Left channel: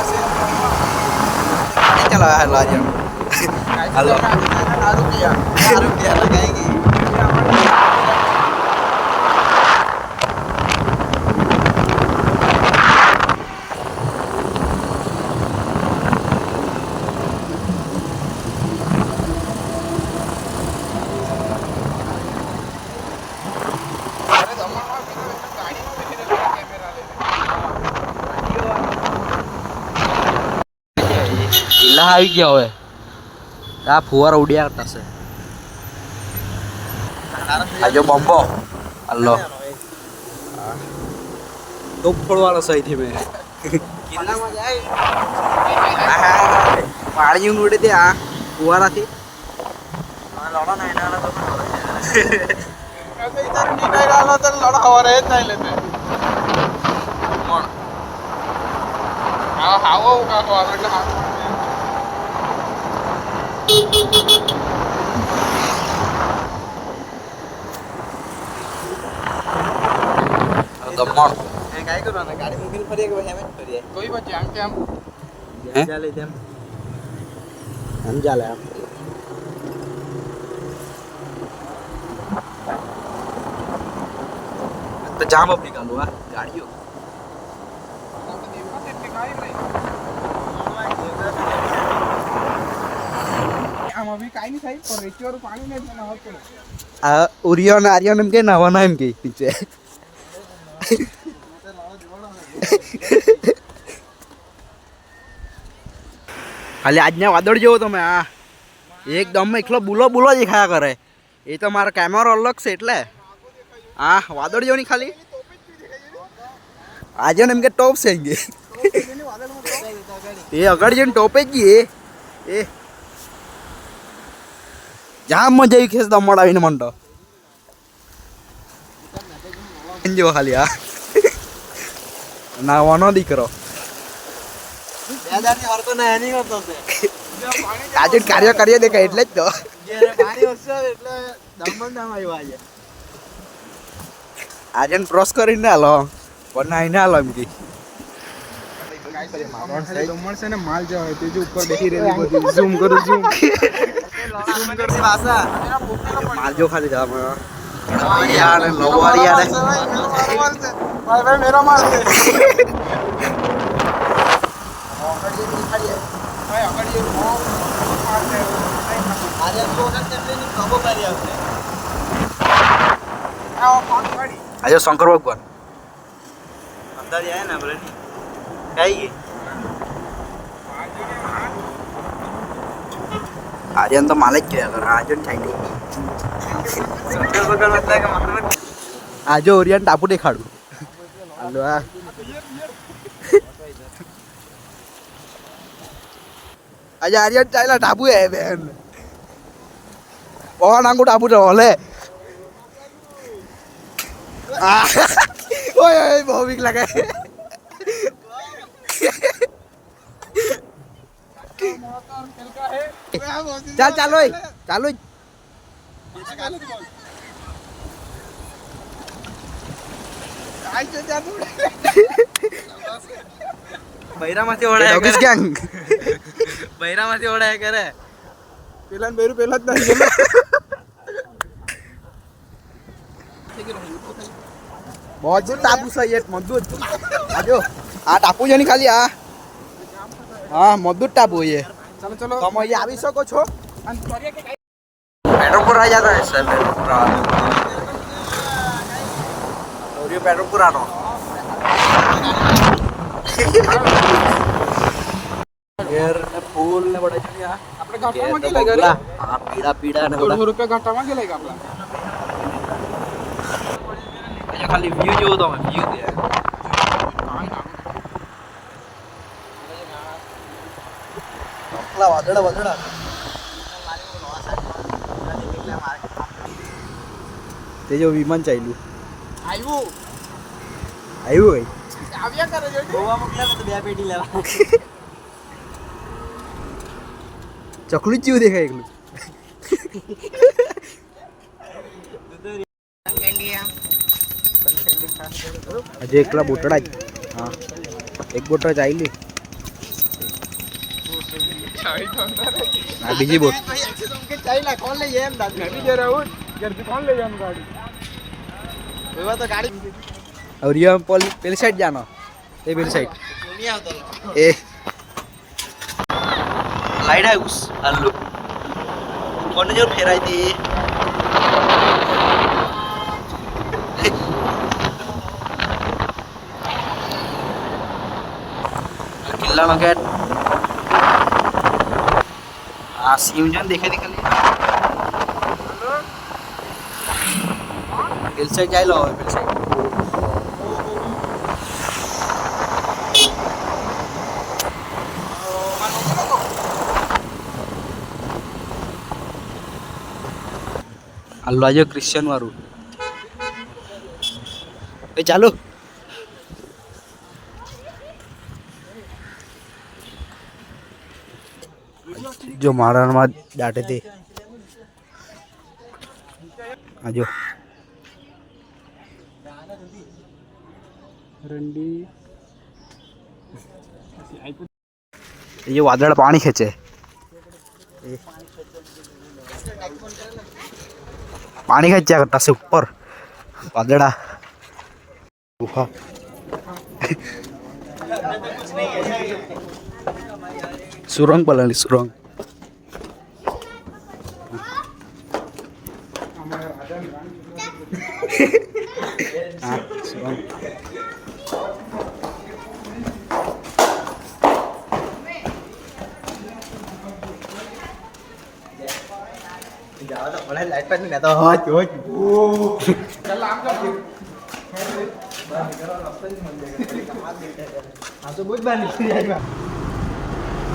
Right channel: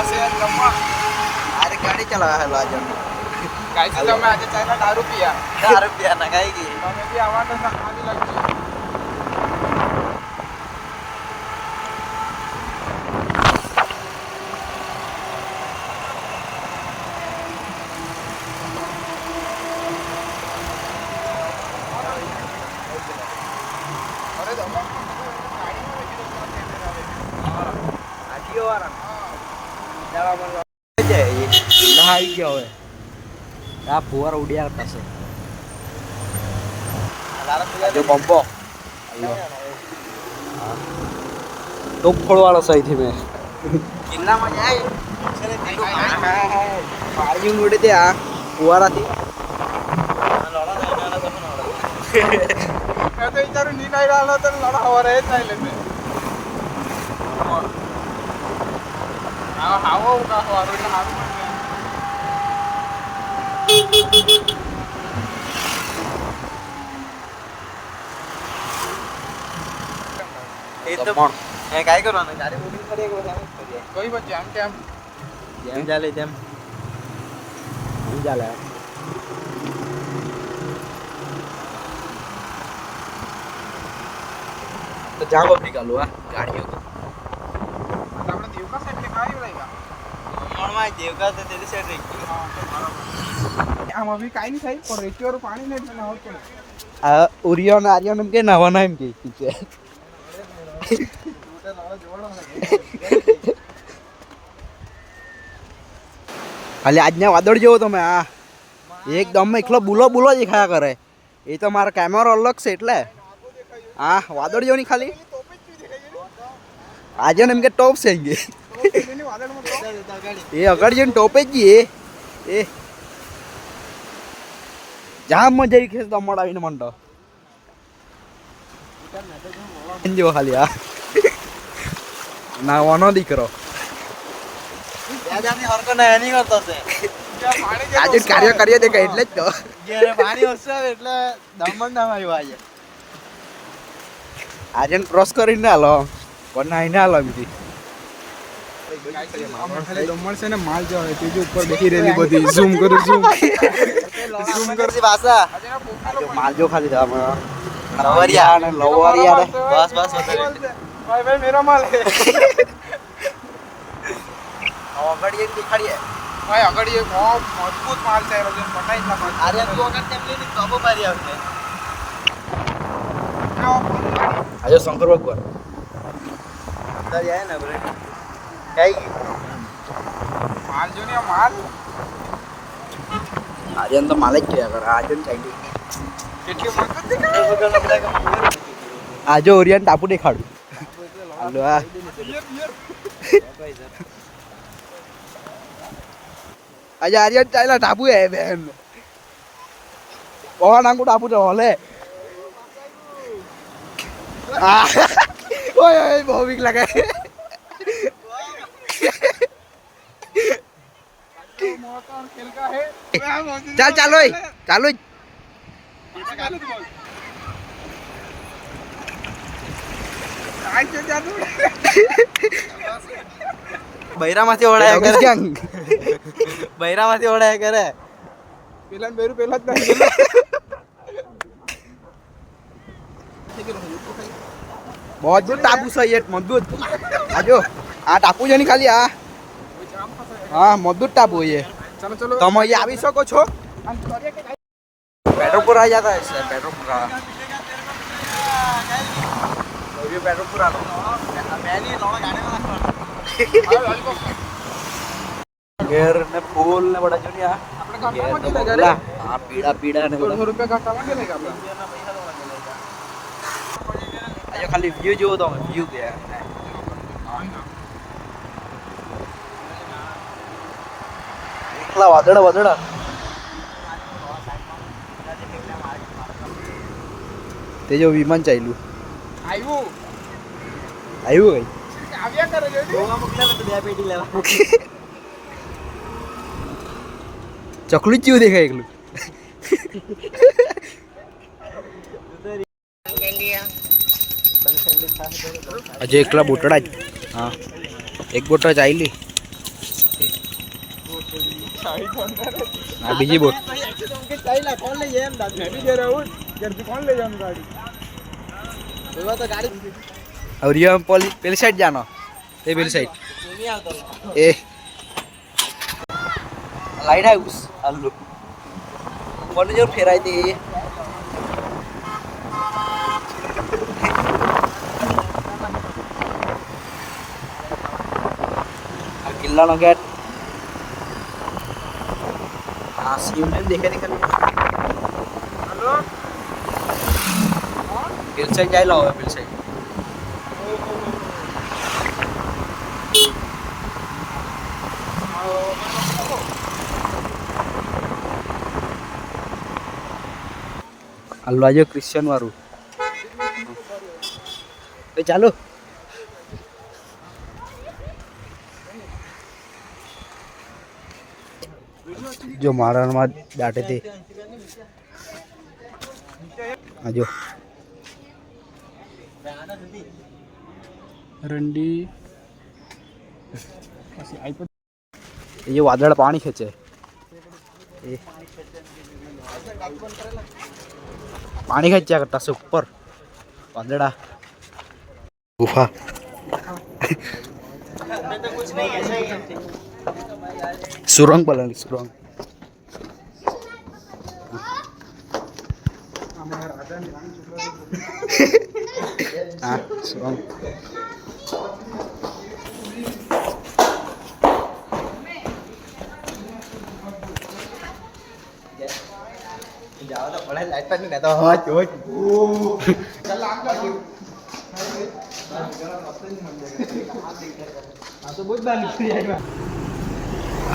गाड़ी चलाया है आज हम काय तो मैं आज खाना दारू पिया लगाएगी આવી ગયા હવે આ ફુવારા ઉડ્યા કરતા છે આ જો બોમ્બો હલ્લો ટોપ ફોડવાળો સહી થી મેં કિલ્લામાં જાય પાણી ઉડે તે આ ફુવારાથી तो इधर नीट आई डालना तो लड़ा हो रहे नहीं लेते કોણ हां हां वो का દમણ મેં કાઈ કરવાનું ગાડી મૂકીને ફરીએ કે પછી એમ જ ફરીએ कोई बच्चे हम क्या જેમ ચાલે તેમ હું ચાલે તો જા બપ નીકાળો આ ગાડીઓ આપણે દેવકા સાહેબ ને કાઈ નહીં મણમાં દેવકા તો આમ અભી કાઈ નહીં થાય પણ રેતી વાળું પાણી નહીં મને હોત પડે આ ઉરિયો ને આર્યો એમ કે નાવાના એમ કે પીછે ખાલી આજના વાદળ જેવો તમે આ એકદમ એકલો બુલો બુલો દેખાયા કરે એ તો મારો કેમેરો અલગ છે એટલે હા વાદળ જેવો નહીં ખાલી આજે ને એમ કે ટોપ છે એમ કે એ આગળ જઈને ટોપે જ જઈએ એ જામ મજા આવી ખેસ દમણ આવીને મને તો જો ખાલી આ નાવાનો દીકરો આજે કાર્ય કરીએ દેખાય એટલે જ તો પાણી વરસે એટલે દમણ નામ આવ્યું આજે આજે ક્રોસ કરીને હાલો પણ આઈને હાલો એમ દમણ છે ને માલ જો હોય તે જો ઉપર બેસી રહેલી બધી ઝૂમ કરું ઝૂમ કરતી ભાષા માલજો ખાલી જવા લવરિયા ને લવરિયા ને ભાઈ મેરો માલ છે આગળ એક દેખાડીએ ભાઈ આગળ એ બહુ મજબૂત માલ છે મકાઈ ના અરે તો વખત તેમને કબો પારી આવશે આજો શંકર ભગવાન અંદર જાય ને આપણે કઈ ગઈ માલ જો ને માલ આર્યન તો માલ જ જોયા કરે આર્યન ખાઈ ગઈ આજો ઓરિયન ટાપુ દેખાડું હાલો આ આજે આર્યન ચાલ્યા ટાપુ હે બેન ઓ નાંગુ ટાપુ તો હલે ઓય ઓય બહુ બીક લાગે ચાલ ચાલો ચાલો બૈરામાંથી ઓળાય ગેંગ બૈરામાંથી ઓળાય કરે પેલા બેરું પેલા જ મજબૂત ટાપુ છે એ મજબૂત આજો આ ટાપુ છે ને ખાલી આ હા મજબૂત ટાપુ એ ચલો ચલો તમે અહીંયા આવી શકો છો પેટ્રોલપુર આવી જતા હશે પેટ્રોલપુર આનો ઘેર ને ફૂલ ને બધા છે આ ઘેર ને બગલા આ પીડા પીડા ને બધા રૂપિયા ઘટાવા કે લાગે આપણે આજો ખાલી વ્યૂ જોવો તમે વ્યૂ દે વાદળા વાદળા તે જો વિમાન ચાલ્યું આવ્યું આવ્યું કઈ આવ્યા કરે જો ગોવા મોકલ્યા તો બે પેટી લેવા ચકલું જેવું દેખાય એકલું હજુ એકલા બોટડા જ હા એક બોટડા ચાલી આ બીજી બોટ કોણ લઈ જાય એમ દાદી ઘરે આવું ઘરથી કોણ લઈ જાય ગાડી એવા તો ગાડી और ये हम पहली साइड जाना ये पहली साइड ए लाइट हाउस हल्लो कौन जो फेराई थी किल्ला नो गेट हाँ सीम जन देखा दिखा पहली साइड जाए लो पहली साइड हलवा जो क्रिश्चियन वारू चालू जो मारा डाटे थे आजो रंडी ये वादळ पानी खेचे पानी खेचा करता से ऊपर वादड़ा गुफा सुरंग पलानी सुरंग हाँ सुरंग लाइट पर नहीं तो हो चल आम कर तो बहुत बार निकल जाएगा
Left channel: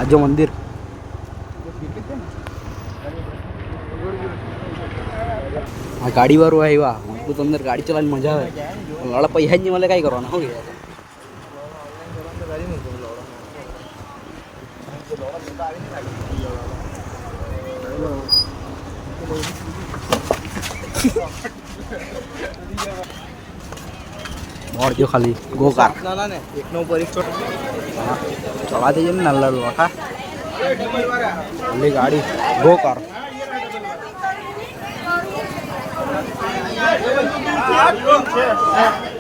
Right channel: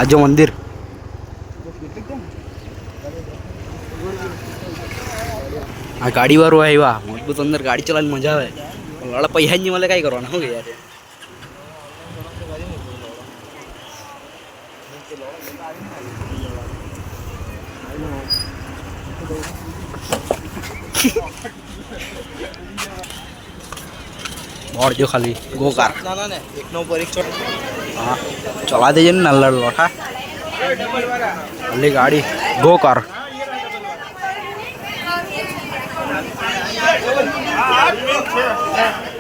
आजो मंदिर आ गाड़ी वारो આવ્યા મજબૂત અંદર ગાડી ચલાવવાની મજા આવે લાલા પૈસા જ નહીં મળે કાઈ કરવાના હો કે યાર और जो खाली गो कार एक नो पर एक छोटा हाँ चला दीजिए ना नल्ला लोटा खाली गाड़ी गो कार हाँ